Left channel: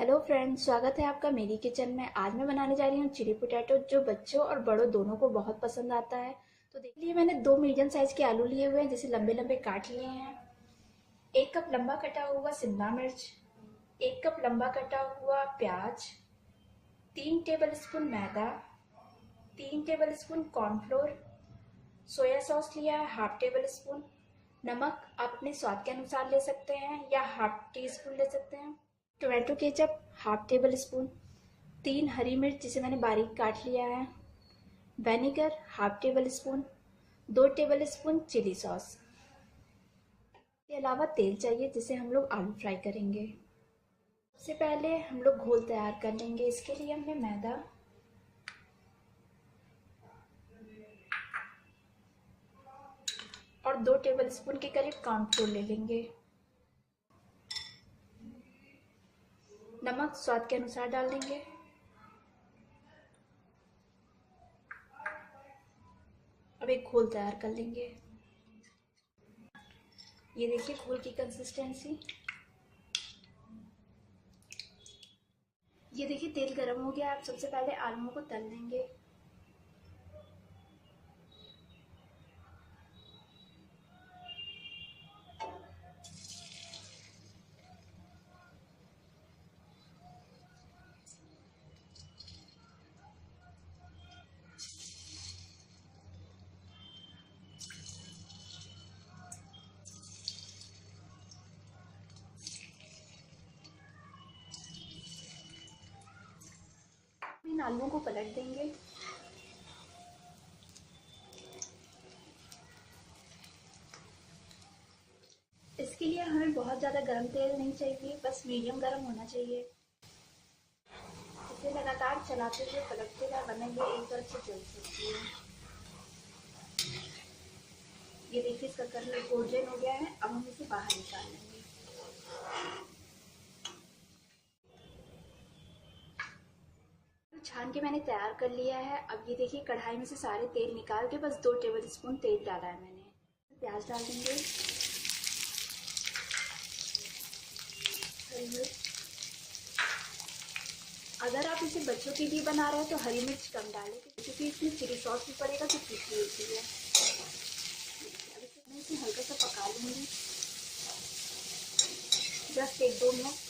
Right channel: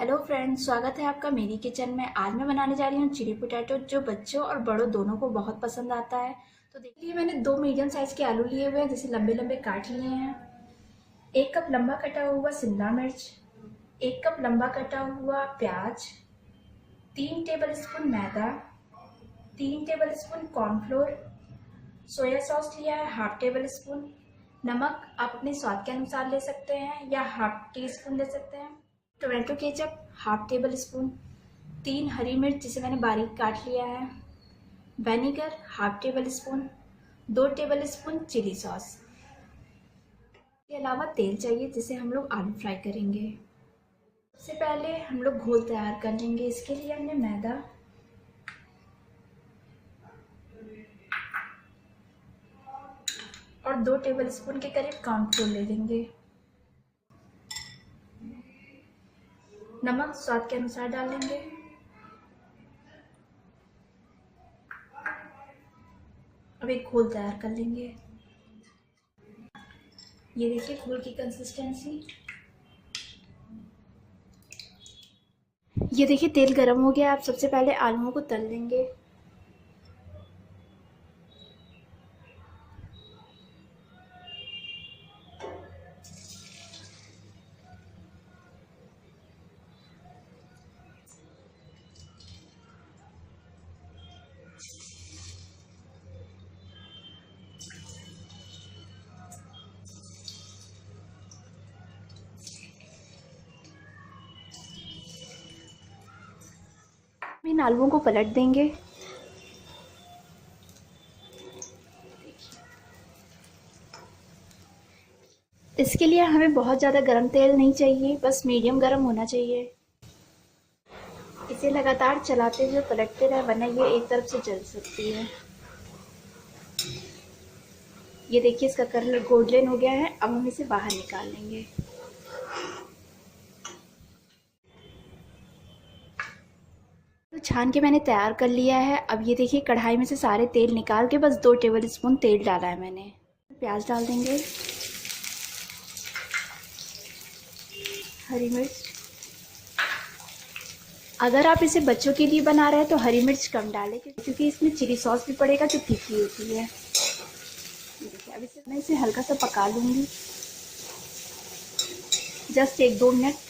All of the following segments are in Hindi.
हेलो फ्रेंड्स, स्वागत है आपका मेरी किचन में। आज मैं बनाने जा रही हूँ चिली पोटैटो, जो बच्चों और बड़ों दोनों को बहुत पसंद आता है। तो देखिए, मैंने 2 मीडियम साइज के आलू लिए हुए हैं, जिसे लंबे लंबे काट लिए हैं। 1 कप लंबा कटा हुआ शिमला मिर्च, 1 कप लंबा कटा हुआ प्याज, 3 टेबल स्पून मैदा, 3 table spoon cornflour, soya sauce लिया है ½ टेबल स्पून, नमक आप अपने स्वाद के अनुसार ले सकते हैं या ½ टी स्पून ले सकते हैं, टोमेटो केचप ½ टेबल स्पून, 3 हरी मिर्च जिसे मैंने बारीक काट लिया है, vinegar ½ tablespoon, 2 tablespoon chilli sauce. इसके अलावा तेल चाहिए जिसे हम लोग आलू फ्राई करेंगे। सबसे पहले हम लोग घोल तैयार कर लेंगे। इसके लिए हमने मैदा और 2 टेबल स्पून के करीब कॉर्नफ्लोर ले लेंगे। नमक स्वाद के अनुसार डाल लेंगे। अब एक घोल तैयार कर लेंगे। ये देखिए घोल की कंसिस्टेंसी। ये देखिए तेल गरम हो गया। आप सबसे पहले आलूओं को तल लेंगे। इन आलूओं को पलट देंगे। इसके लिए हमें बहुत ज़्यादा गरम तेल नहीं चाहिए, बस मीडियम गरम होना चाहिए। इसे लगातार चलाते हुए पलटते रहे, वरना ये एक तरफ से जल सकती है। ये देखिए इसका कलर गोल्डन हो गया है। अब हम इसे बाहर निकाल लेंगे। तो छान के मैंने तैयार कर लिया है। अब ये देखिए कढ़ाई में से सारे तेल निकाल के बस 2 टेबल स्पून तेल डाला है मैंने। प्याज डाल देंगे, हरी मिर्च। अगर आप इसे बच्चों के लिए बना रहे हैं तो हरी मिर्च कम डालें, क्योंकि इसमें चिली सॉस भी पड़ेगा जो तीखी होती है। देखिए अब मैं इसे हल्का सा पका लूँगी, जस्ट 1-2 मिनट।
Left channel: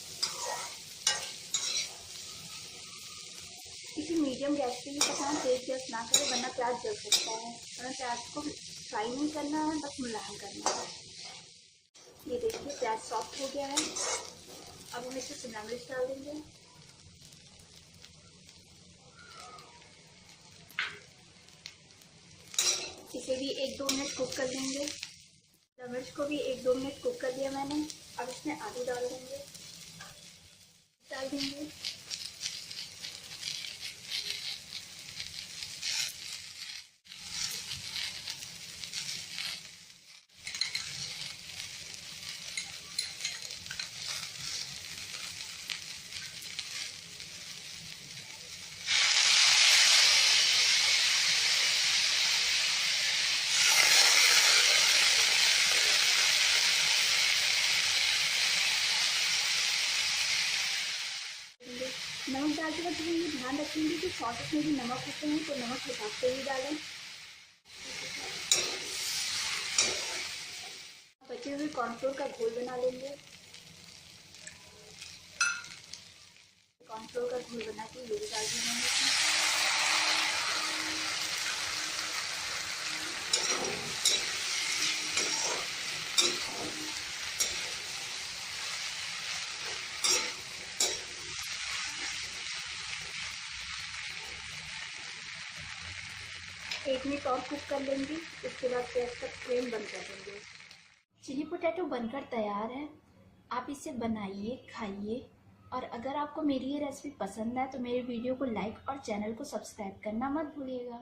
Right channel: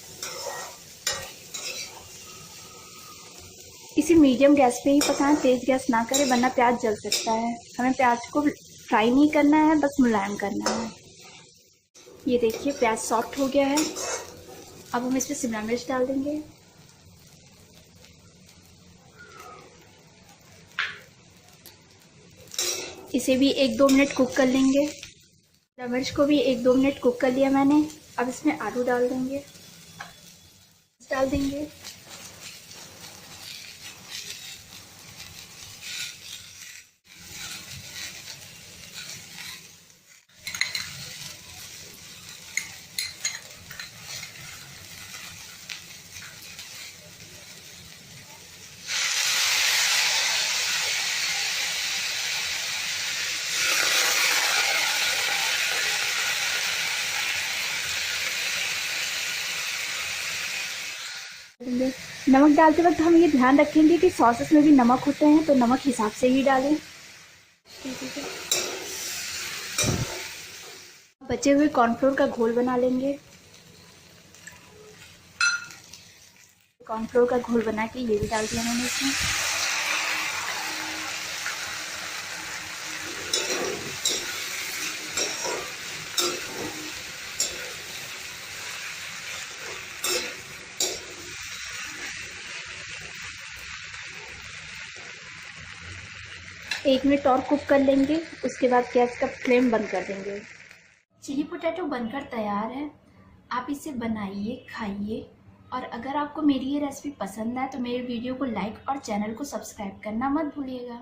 इसे मीडियम गैस पे ही पकाएं, तेज़ गैस ना करें वरना प्याज जल सकता है। हमें प्याज को फ्राई नहीं करना है, बस मुलायम करना है। ये देखिए प्याज सॉफ्ट हो गया है। अब हम इसमें शिमला मिर्च डाल देंगे। इसे भी 1-2 मिनट कुक कर लेंगे। शिमला मिर्च को भी 1-2 मिनट कुक कर लिया मैंने। अब इसमें आलू डाल देंगे। नमक डालते वक्त हम ये ध्यान रखेंगे कि सॉसेस में भी नमक होते हैं, तो नमक हिसाब से ही डालें। बचे हुए कॉर्नफ्लोर का घोल बना लेंगे। कॉर्नफ्लोर का घोल बना के ये भी डाल दिया मैंने इसमें। एक मिनट और कुक कर लेंगे, उसके बाद गैस का फ्लेम बंद कर देंगे। चिली पोटैटो बनकर तैयार है। आप इसे बनाइए, खाइए। और अगर आपको मेरी ये रेसिपी पसंद है तो मेरे वीडियो को लाइक और चैनल को सब्सक्राइब करना मत भूलिएगा।